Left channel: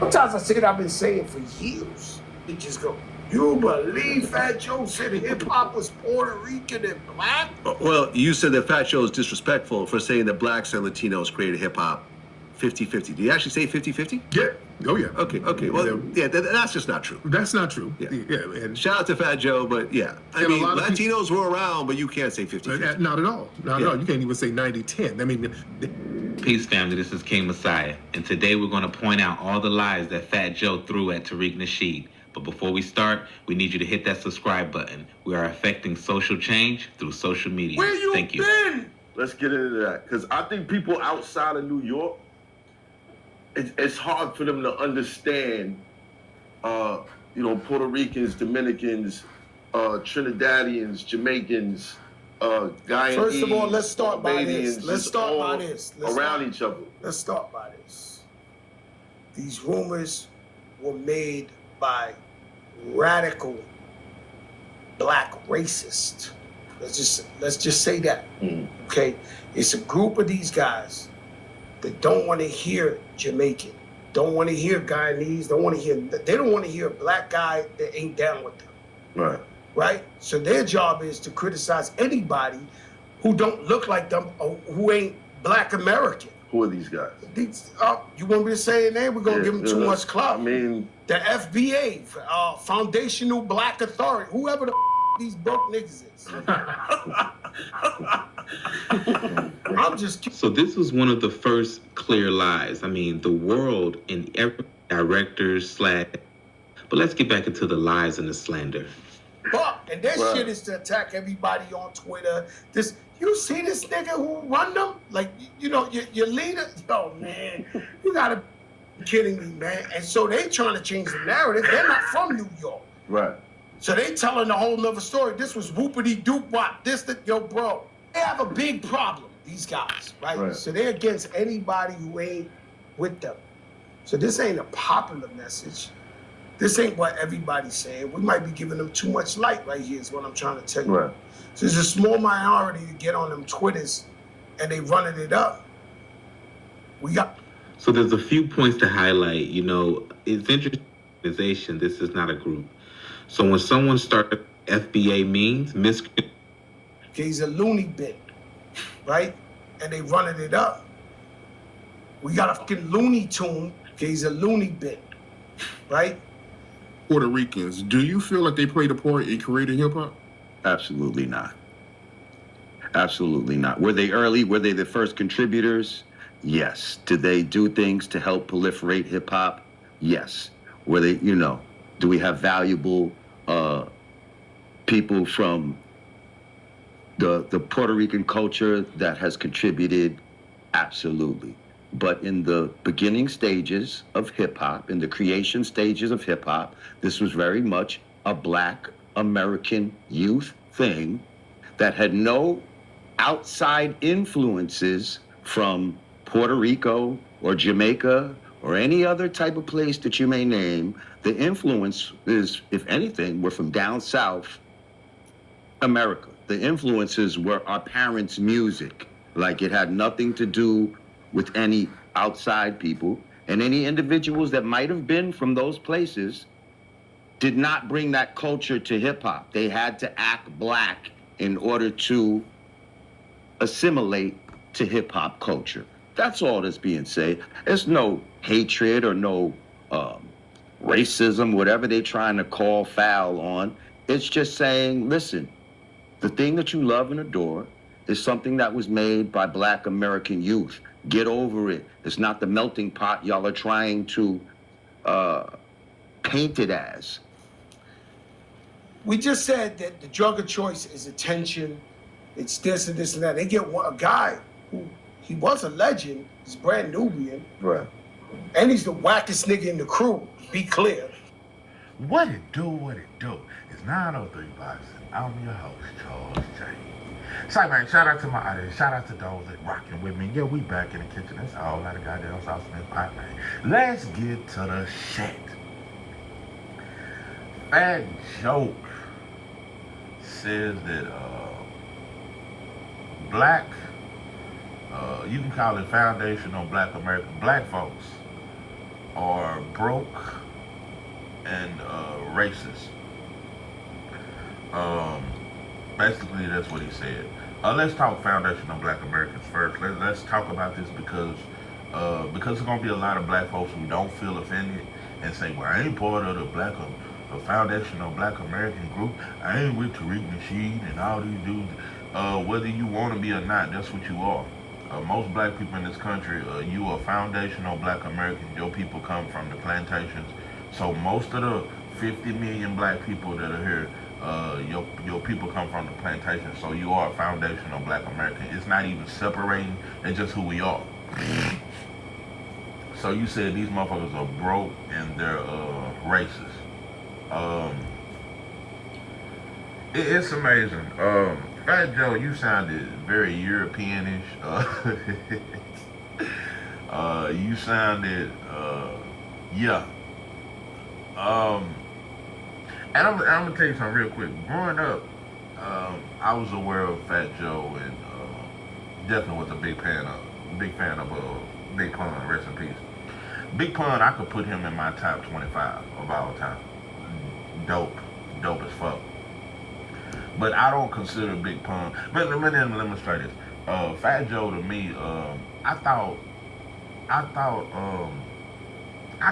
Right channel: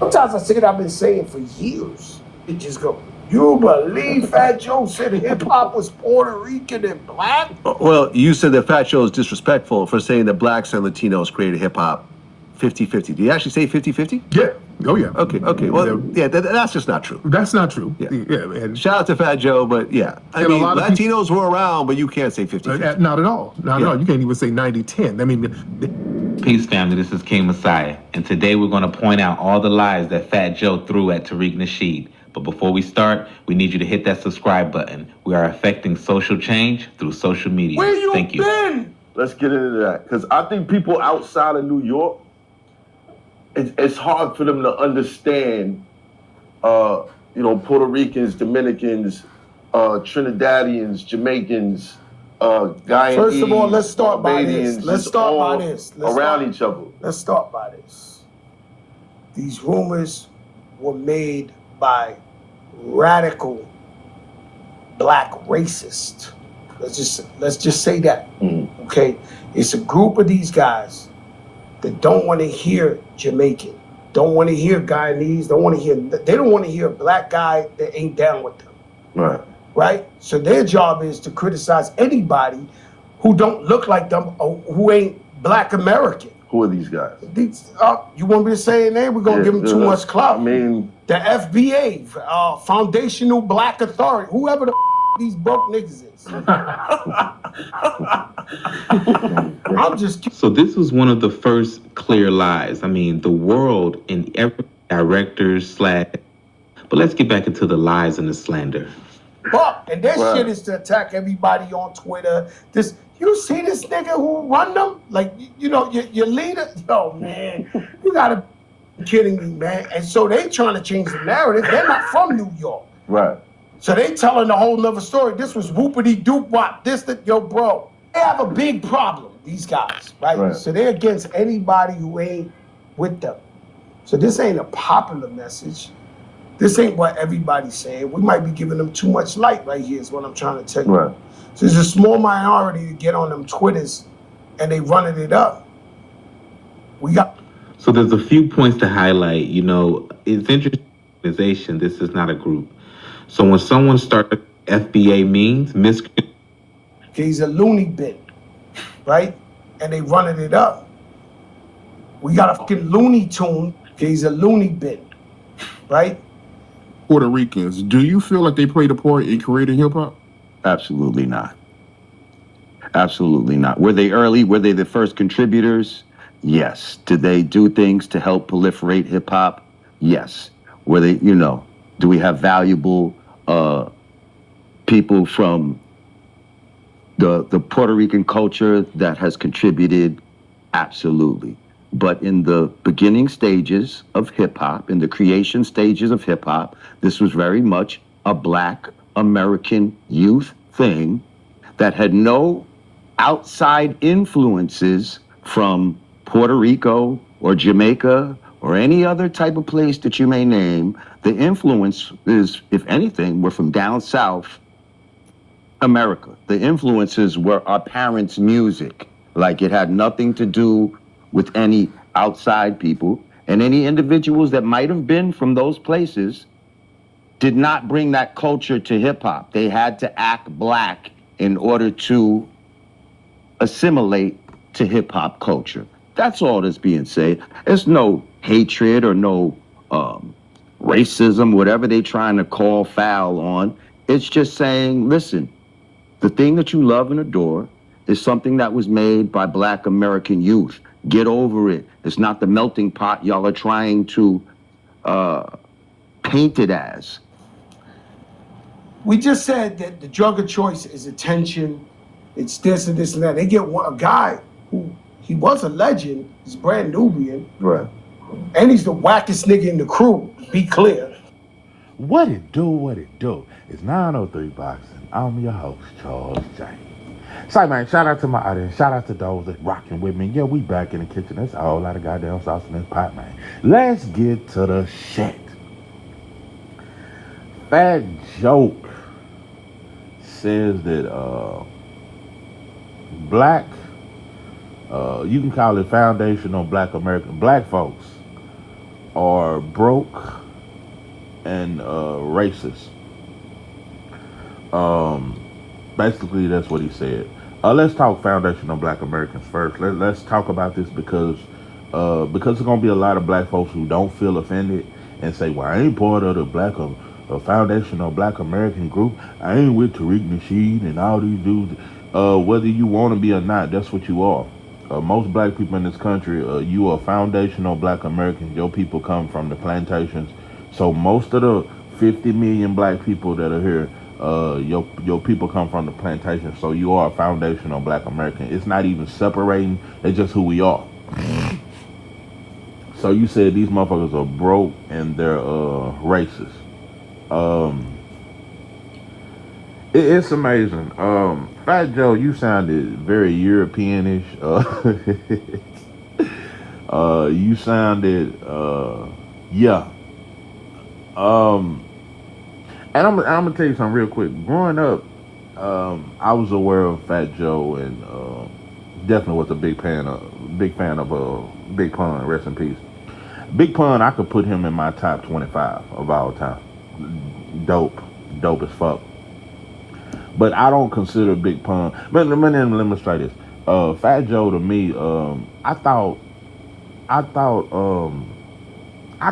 Sometimes I say what I've been saying for years. You just go, you believe Fat Joe said hip hop was Puerto Rican and black? Well, you said that Fat Joe is disrespectful for saying that blacks and Latinos created hip hop 50-50. Did you actually say 50-50? Yeah. Oh, yeah. Okay. Well, yeah, that's just not true. That's not true. Yeah. And shout out to Fat Joe, but yeah. I mean, Latinos were around, but you can't say 50-50. Not at all. Not at all. You can't even say 90-10. I mean... Peace, family. This is King Messiah. And today we're going to point out all the lies that Fat Joe threw at Tariq Nasheed. But before we start, we need you to hit that subscribe button. We are affecting social change through social media. Where you Thank you. been? Let's get into that. Because I think people outside of New York, it's hard for them to understand, Puerto Ricans, Dominicans, Trinidadians, Jamaicans, Guyanese. First of all, let's start by this. Around each other. Let's start by this. These rumors were made by radical black racists. Let's just say that. Okay? It's a group of these guys that don't want to hear Jamaican, don't want to hear Guyanese, they don't want to hear a black guy that ain't down with them. Right? So their job is to criticize anybody who don't look like them or who ain't black American. Who are these guys? You want me to say a name? We're going to give them too much clout. I mean... The FBA, Foundational Black Authority, whoever the these broke niggas is. I'm just kidding. So this was one of the first clear lies. I mean, the world in every director's But let's get back into the lies and the slander. And this shit is to attack everybody on Twitter. You see this nigga who run them? Like, your leader? Yo, man, you gotta be kidding me, man. And so they trying to change the narrative. They're not from New York. Right. So they telling a whole nother story. This was whoopity doop wop. Yo, bro. They have a big problem, these guys, right? So they're against anybody who ain't with them. So this ain't a popular message. This ain't what everybody's saying. We might be giving them too much light right here is what I'm trying to tell you. Right. So there's a small minority to get on them Twitters and they running it up. So there's a few points to highlight. It's interesting organization. This is not a group. So when someone starts, FBA means he's a loony bin, right? And they running it up. We got a fucking Looney Tune. He's a loony bin, right? Puerto Ricans, do you feel like they played a part in creating hip hop? Absolutely not. Absolutely not. Were they early? Were they the first contributors? Yes. Did they do things to help proliferate hip hop? Yes. Were they, do we have valuable people from the Puerto Rican culture that has contributed? Absolutely. But in the beginning stages of hip hop, in the creation stages of hip hop, this was very much a black American youth thing that had no outside influences from Puerto Rico or Jamaica or any other type of place that you may name. The influence is, if anything, were from down south America. The influences were our parents' music. Like, it had nothing to do with any outside people, and any individuals that might have been from those places did not bring that culture to hip hop. They had to act black in order to assimilate to hip hop culture. That's all that's being said. There's no hatred or no racism, whatever they're trying to call foul on. It's just saying, listen, the thing that you love and adore is something that was made by black American youth. Get over it. It's not the melting pot y'all are trying to paint it as. We just said that the drug of choice is attention. It's this and this and that. They get a guy who, he was a legend. He's brand Nubian. Right. And he's the wackest nigga in the crew, be clear. What it do? It's 903 Boxing. I'm your host, Charles James. Sorry, man, shout out to my audience. Shout out to those that rocking with me. Yeah, we back in the kitchen. There's a whole lot of goddamn sauce in this pot, man. Let's get to the shit. Fat Joe says that black, you can call it foundational black American, black folks are broke and racist. Um, Basically, that's what he said. Let's talk foundational Black Americans first. Let's talk about this because there's gonna be a lot of Black folks who don't feel offended and say, "Well, I ain't part of the foundational Black American group. I ain't with Tariq Nasheed and all these dudes." Whether you want to be or not, that's what you are. Most Black people in this country, you are foundational Black Americans. Your people come from the plantations. So most of the 50 million Black people that are here, your people come from the plantation. So you are a foundational Black American. It's not even separating. It's just who we are. So you said these motherfuckers are broke and they're racist. Um, it's amazing. Fat Joe, you sounded very Europeanish. You sounded, yeah. Um, and I'm gonna tell you something real quick. Growing up, I was aware of Fat Joe and definitely was a big fan of Big Pun. Rest in peace. Big Pun, I could put him in my top 25 of all time. Dope as fuck. But I don't consider Big Pun. But let me try this. Fat Joe to me, I thought, I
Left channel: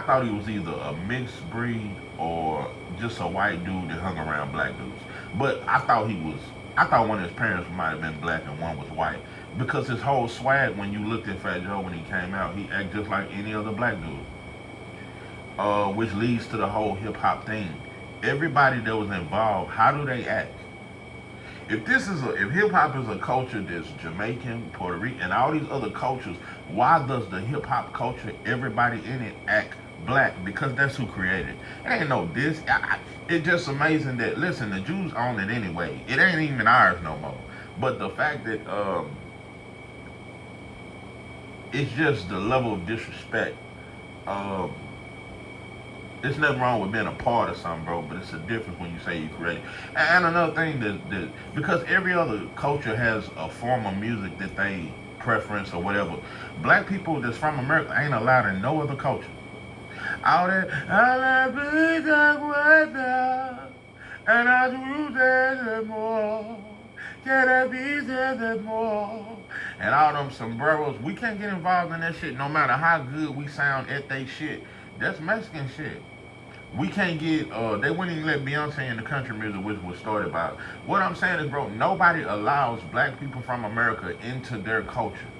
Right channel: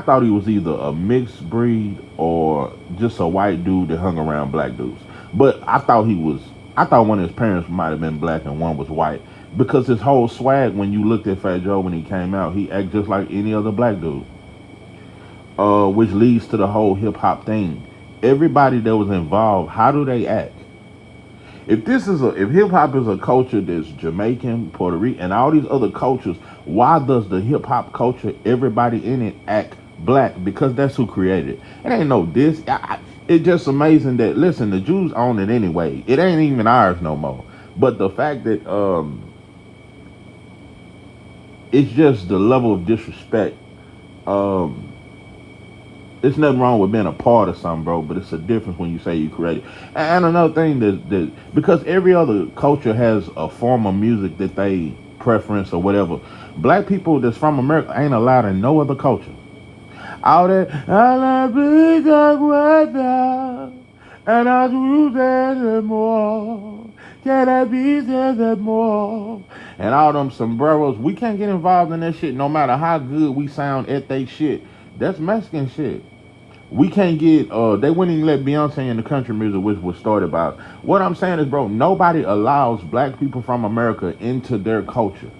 thought he was either a mixed breed or just a white dude that hung around black dudes. But I thought one of his parents might have been black and one was white because his whole swag, when you looked at Fat Joe when he came out, he acted just like any other black dude. Which leads to the whole hip hop thing. Everybody that was involved, how do they act? If hip hop is a culture that's Jamaican, Puerto Rican, and all these other cultures, why does the hip hop culture, everybody in it, act black? Because that's who created it. It ain't no this. It's just amazing that, listen, the Jews own it anyway. It ain't even ours no more. But the fact that it's just the level of disrespect. It's nothing wrong with being a part of something, bro, but it's a difference when you say you created. And another thing that because every other culture has a form of music that they preference or whatever, black people that's from America ain't allowed in no other culture. All that I love the weather and I choose it more. Can I be there more? And all them sombreros, we can't get involved in that shit no matter how good we sound at they shit. That's Mexican shit. We can't get they wouldn't even let Beyonce in the country music, which was started by. What I'm saying is, bro, nobody allows black people from America into their culture.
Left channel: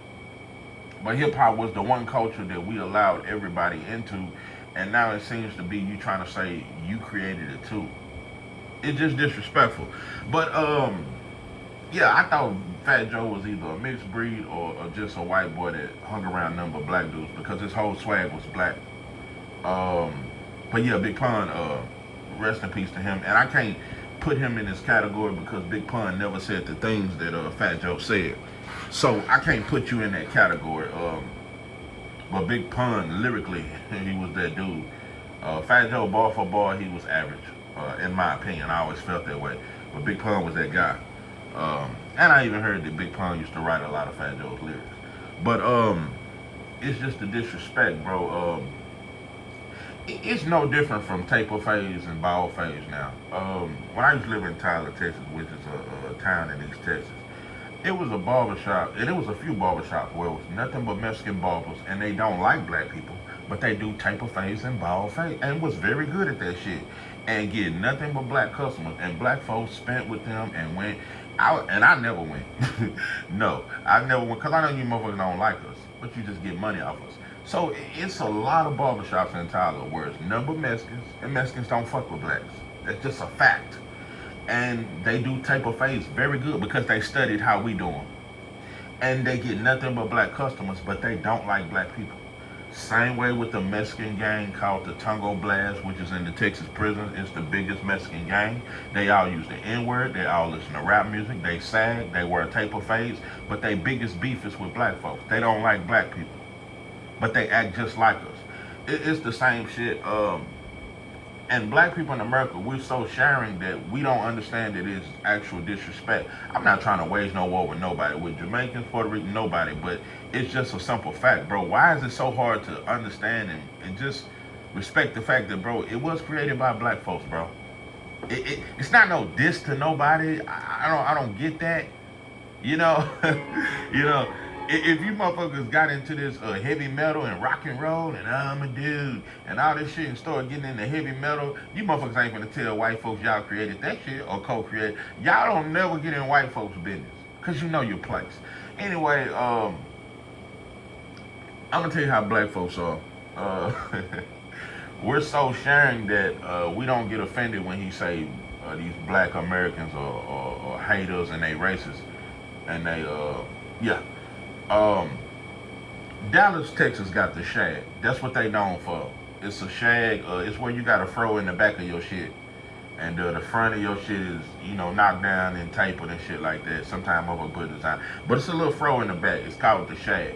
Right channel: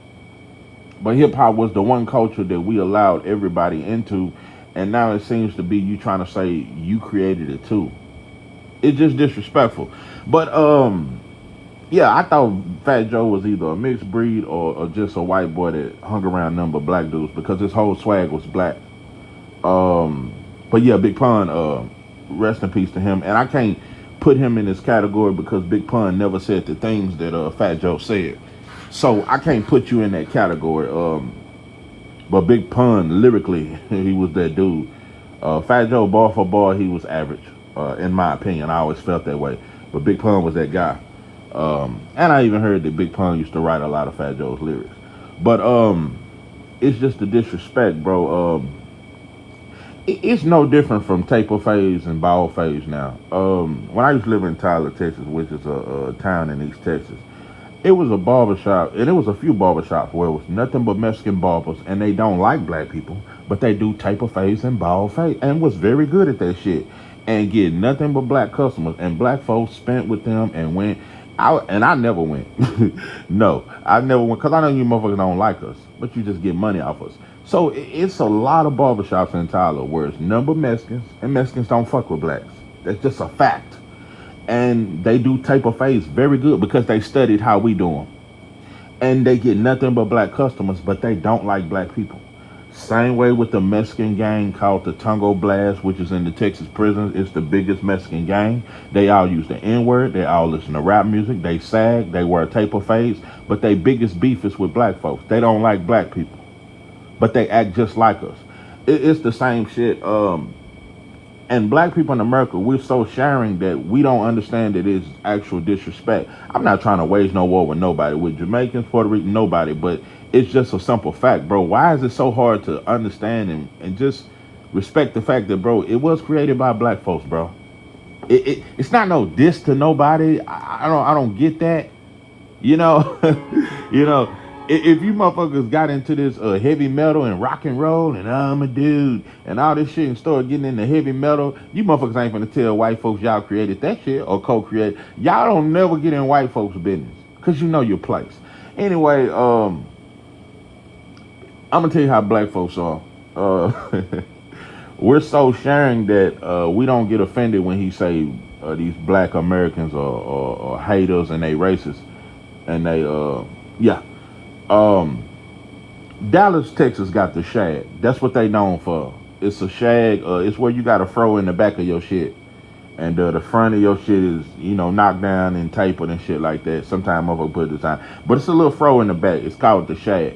But hip hop was the one culture that we allowed everybody into, and now it seems to be you trying to say you created it too. It's just disrespectful. But yeah, I thought Fat Joe was either a mixed breed or just a white boy that hung around number black dudes because his whole swag was black. But yeah, Big Pun, rest in peace to him. And I can't put him in this category because Big Pun never said the things that Fat Joe said. So I can't put you in that category. But Big Pun, lyrically, he was that dude. Fat Joe, bar for bar, he was average, in my opinion. I always felt that way. But Big Pun was that guy. And I even heard that Big Pun used to write a lot of Fat Joe's lyrics. But it's just the disrespect, bro. It's no different from taper phase and ball phase now. When I used to live in Tyler, Texas, which is a town in East Texas, it was a barbershop, and it was a few barbershops where it was nothing but Mexican barbers, and they don't like black people, but they do taper phase and ball phase, and was very good at that shit, and get nothing but black customers, and black folks spent with them and went. I never went. No, I never went because I know you motherfuckers don't like us, but you just get money off us. So it's a lot of barbershops in Tyler where it's number Mexicans, and Mexicans don't fuck with blacks. That's just a fact. And they do taper phase very good because they studied how we do them. And they get nothing but black customers, but they don't like black people. Same way with the Mexican gang called the Tango Blast, which is in the Texas prisons. It's the biggest Mexican gang. They all use the N-word. They all listen to rap music. They sag. They wear taper fades. But their biggest beef is with black folks. They don't like black people. But they act just like us. It's the same shit. And black people in America, we're so sharing that we don't understand that it's actual disrespect. I'm not trying to wage no war with nobody, with Jamaicans, Puerto Rican, nobody, but it's just a simple fact, bro. Why is it so hard to understand and just respect the fact that, bro, it was created by black folks, bro. It's not no diss to nobody. I don't get that. You know, you know, if you motherfuckers got into this heavy metal and rock and roll and I'm a dude and all this shit and started getting into heavy metal, you motherfuckers ain't finna tell white folks y'all created that shit or co-created. Y'all don't never get in white folks' business because you know your place. Anyway, I'm gonna tell you how black folks are. We're so sharing that we don't get offended when he say these black Americans are haters and they racist. And they, yeah. Dallas, Texas got the shag. That's what they known for. It's a shag. It's where you got a fro in the back of your shit. And the front of your shit is, you know, knocked down and tapered and shit like that. Sometimes I'm gonna put this on. But it's a little fro in the back. It's called the shag.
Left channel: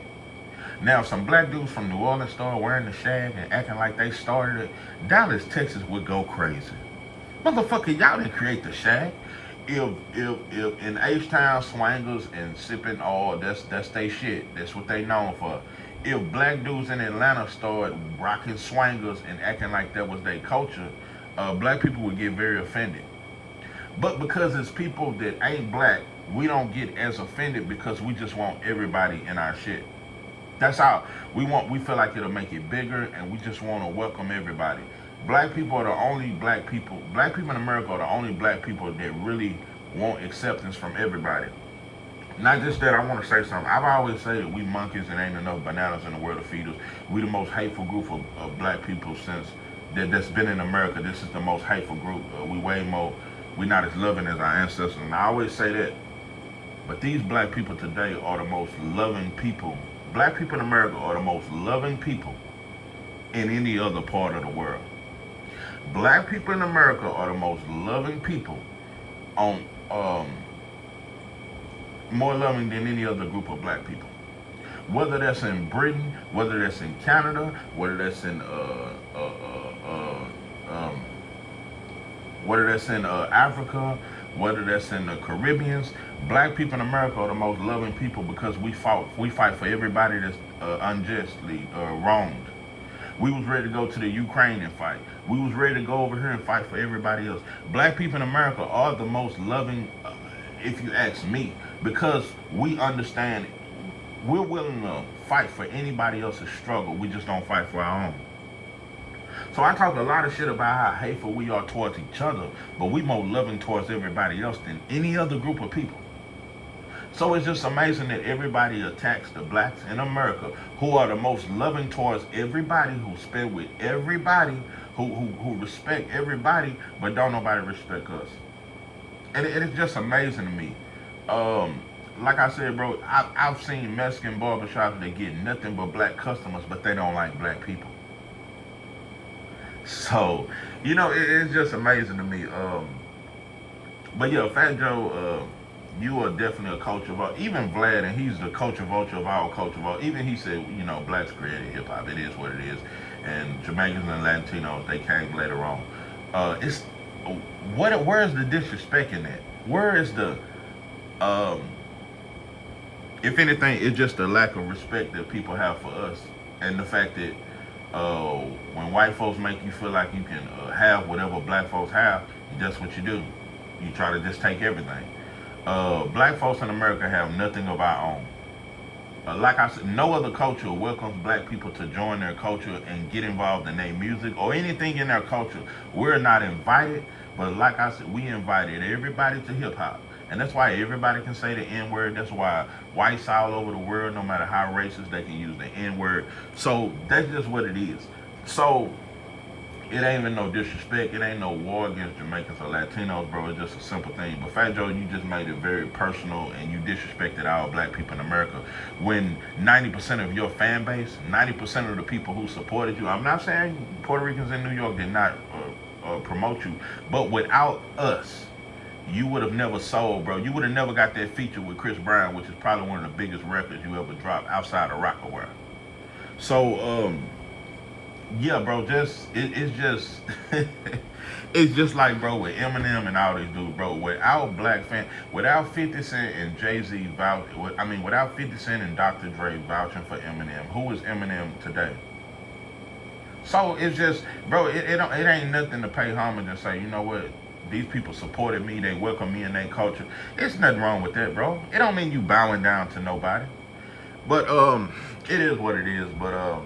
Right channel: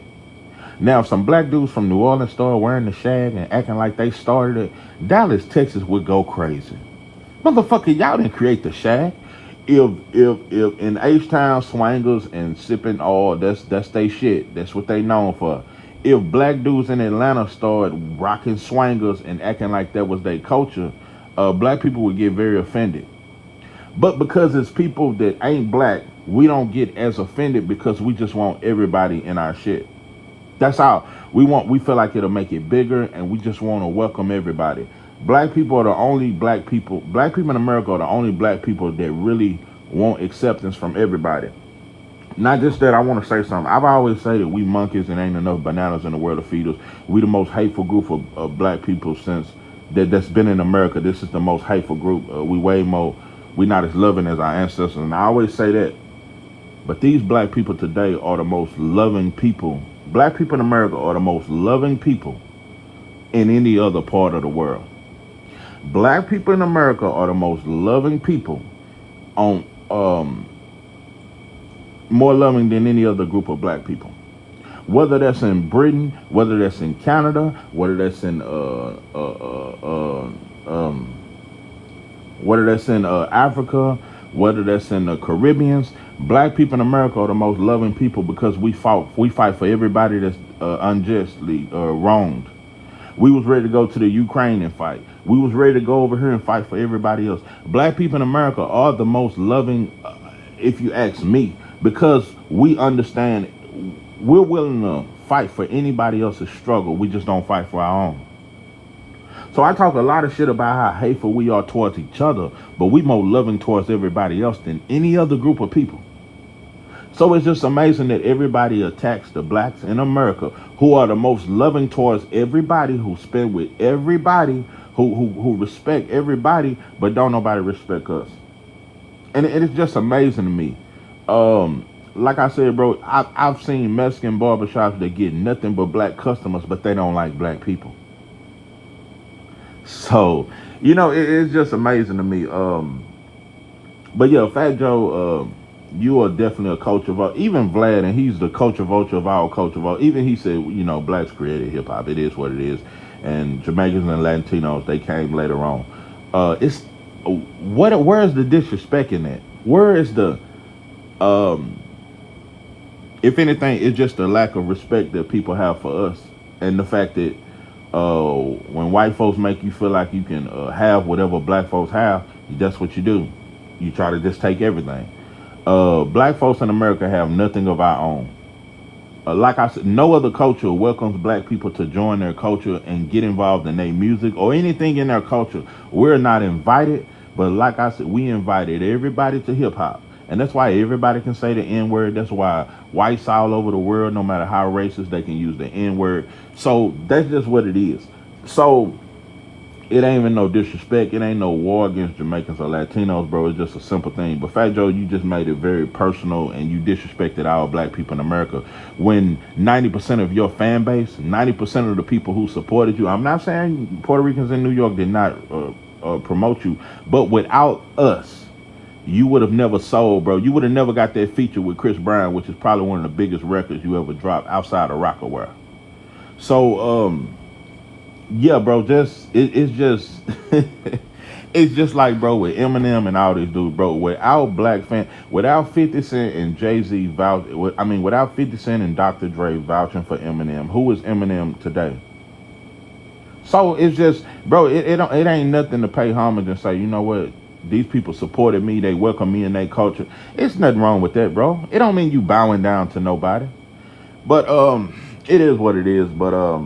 Now, if some black dudes from New Orleans started wearing the shag and acting like they started it, Dallas, Texas would go crazy. Motherfucker, y'all didn't create the shag. If in H-Town swangers and sipping oil, that's they shit. That's what they known for. If black dudes in Atlanta started rocking swangers and acting like that was their culture, black people would get very offended. But because it's people that ain't black, we don't get as offended because we just want everybody in our shit. That's how we feel like it'll make it bigger, and we just want to welcome everybody. Black people are the only black people in America are the only black people that really want acceptance from everybody. Not just that, I want to say something. I've always said that we monkeys and ain't enough bananas in the world to feed us. We the most hateful group of black people since that's been in America. This is the most hateful group. We not as loving as our ancestors, and I always say that. But these black people today are the most loving people. Black people in America are the most loving people in any other part of the world. Black people in America are the most loving people on more loving than any other group of black people. Whether that's in Britain, whether that's in Canada, whether that's in Africa, whether that's in the Caribbeans, black people in America are the most loving people because we fight for everybody that's unjustly wronged. We was ready to go to the Ukraine and fight. We was ready to go over here and fight for everybody else. Black people in America are the most loving, if you ask me, because we understand we're willing to fight for anybody else's struggle. We just don't fight for our own. So I talk a lot of shit about how hateful we are towards each other, but we more loving towards everybody else than any other group of people. So it's just amazing that everybody attacks the blacks in America, who are the most loving towards everybody, who spend with everybody, who respect everybody, but don't nobody respect us. And it's just amazing to me. Like I said, bro, I've seen Mexican barbershops that get nothing but black customers, but they don't like black people. So, you know, it's just amazing to me. But yeah, Fat Joe, you are definitely a culture vulture. Even Vlad, and he's the culture vulture of our culture vulture. Even he said, you know, blacks created hip hop. It is what it is. And Jamaicans and Latinos, they came later on. Where is the disrespect in that? Where is the if anything, it's just a lack of respect that people have for us, and the fact that when white folks make you feel like you can have whatever black folks have, that's what you do. You try to just take everything. Black folks in America have nothing of our own. Like I said, no other culture welcomes black people to join their culture and get involved in their music or anything in their culture. We're not invited, but like I said, we invited everybody to hip hop. And that's why everybody can say the N-word. That's why whites all over the world, no matter how racist, they can use the N-word. So that's just what it is. So it ain't even no disrespect. It ain't no war against Jamaicans or Latinos, bro. It's just a simple thing. But Fat Joe, you just made it very personal, and you disrespected our black people in America. When 90% of your fan base, 90% of the people who supported you, I'm not saying Puerto Ricans in New York did not promote you, but without us, you would have never sold, bro. You would have never got that feature with Chris Brown, which is probably one of the biggest records you ever dropped outside of Rockaware. So, Yeah, bro. It's just it's just like, bro, with Eminem and all these dudes, bro. Without 50 Cent and Jay-Z without 50 Cent and Dr. Dre vouching for Eminem, who is Eminem today? So it's just, bro, it ain't nothing to pay homage and say, you know what, these people supported me, they welcome me in their culture. It's nothing wrong with that, bro. It don't mean you bowing down to nobody. But it is what it is. But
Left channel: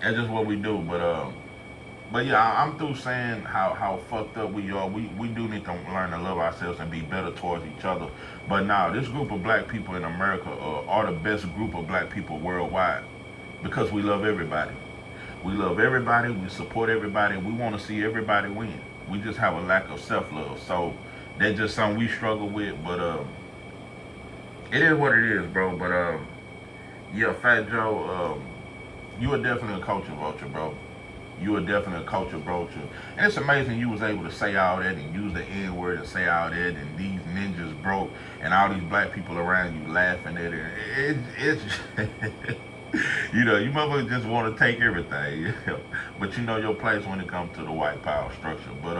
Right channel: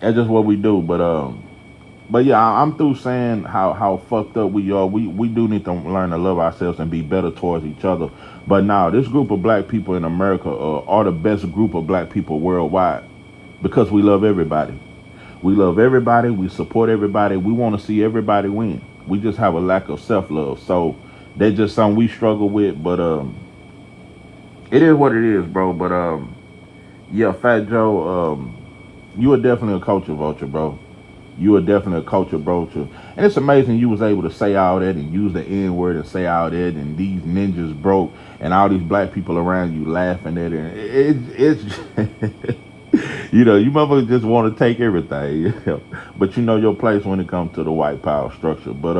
that's just what we do. But yeah, I'm through saying how fucked up we are. We do need to learn to love ourselves and be better towards each other. But now, this group of black people in America are the best group of black people worldwide because we love everybody. We love everybody. We support everybody. We want to see everybody win. We just have a lack of self-love. So that's just something we struggle with. But it is what it is, bro. But yeah, Fat Joe, you are definitely a culture vulture, bro. You are definitely a culture vulture. And it's amazing you was able to say all that and use the N-word and say all that, and these ninjas broke and all these black people around you laughing at it. It's you know, you motherfuckers just want to take everything. But you know your place when it comes to the white power structure. But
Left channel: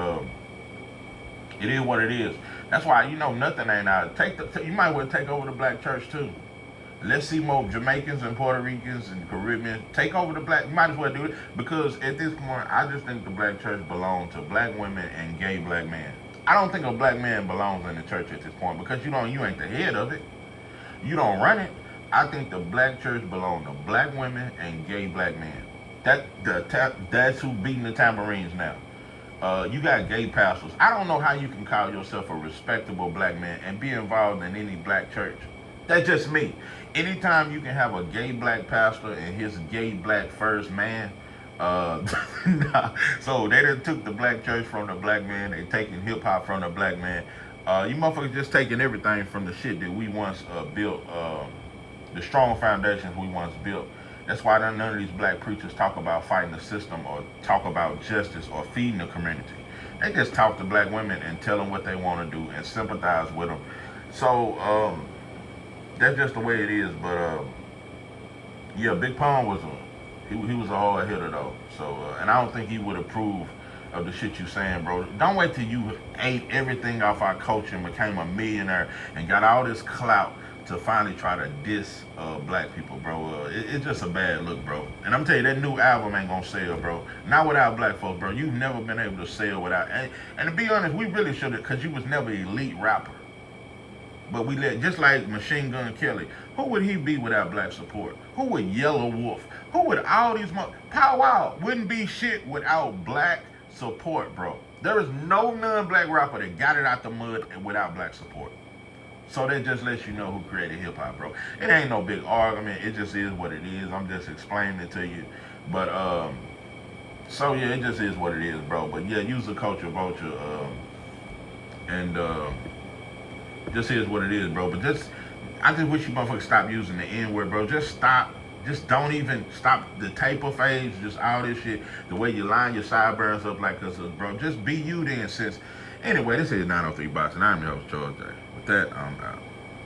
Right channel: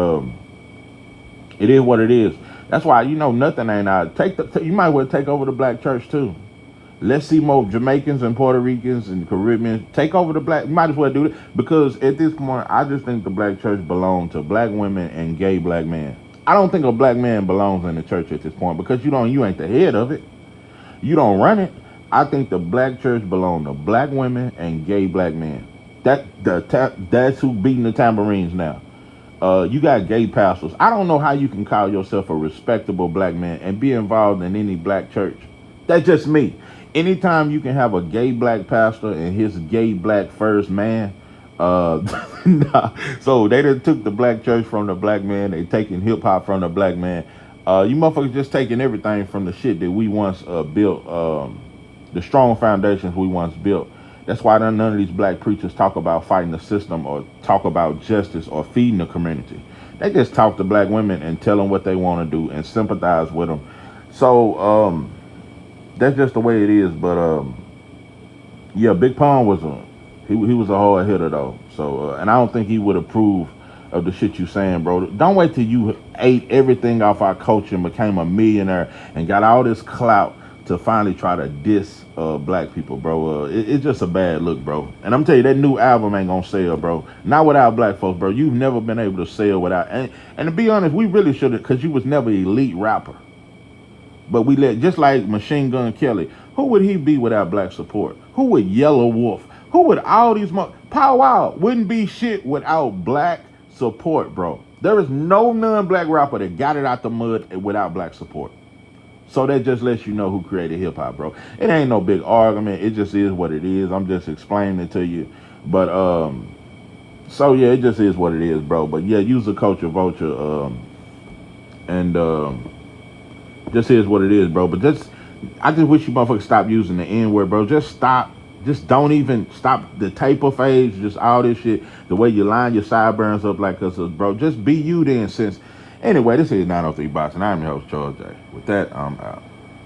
it is what it is. That's why, you know, nothing ain't out. You might well take over the black church too. Let's see more Jamaicans and Puerto Ricans and Caribbeans take over the black. You might as well do it, because at this point, I just think the black church belongs to black women and gay black men. I don't think a black man belongs in the church at this point, because you ain't the head of it. You don't run it. I think the black church belongs to black women and gay black men. That's who beating the tambourines now. You got gay pastors. I don't know how you can call yourself a respectable black man and be involved in any black church. That's just me. Anytime you can have a gay black pastor and his gay black first man, nah. So they done took the black church from the black man. They taking hip hop from the black man. You motherfuckers just taking everything from the shit that we once built, the strong foundations we once built. That's why none of these black preachers talk about fighting the system or talk about justice or feeding the community. They just talk to black women and tell them what they want to do and sympathize with them. So that's just the way it is. But yeah, Big Pun was he was a hard hitter though. So and I don't think he would approve of the shit you saying, bro. Don't wait till you ate everything off our culture and became a millionaire and got all this clout to finally try to diss black people, bro. It's just a bad look, bro. And I'm telling you, that new album ain't gonna sell, bro. Not without black folks, bro. You've never been able to sell without. And to be honest, we really should have, because you was never an elite rapper. But we just like Machine Gun Kelly. Who would he be without black support? Who would Yellow Wolf? Who would all these Pow Wow wouldn't be shit without black support, bro. There is no non-black rapper that got it out the mud without black support. So that just lets you know who created hip hop, bro. It ain't no big argument. It just is what it is. I'm just explaining it to you. But so yeah, it just is what it is, bro. But yeah, use the culture vulture, and just is what it is, bro. But I just wish you motherfuckers stop using the N-word, bro. Just stop. Just don't even stop the taper phase. Just all this shit. The way you line your sideburns up like us, bro. Just be you then. Since anyway, this is 903 Box, and I'm your host, Charles J. With that, I'm out.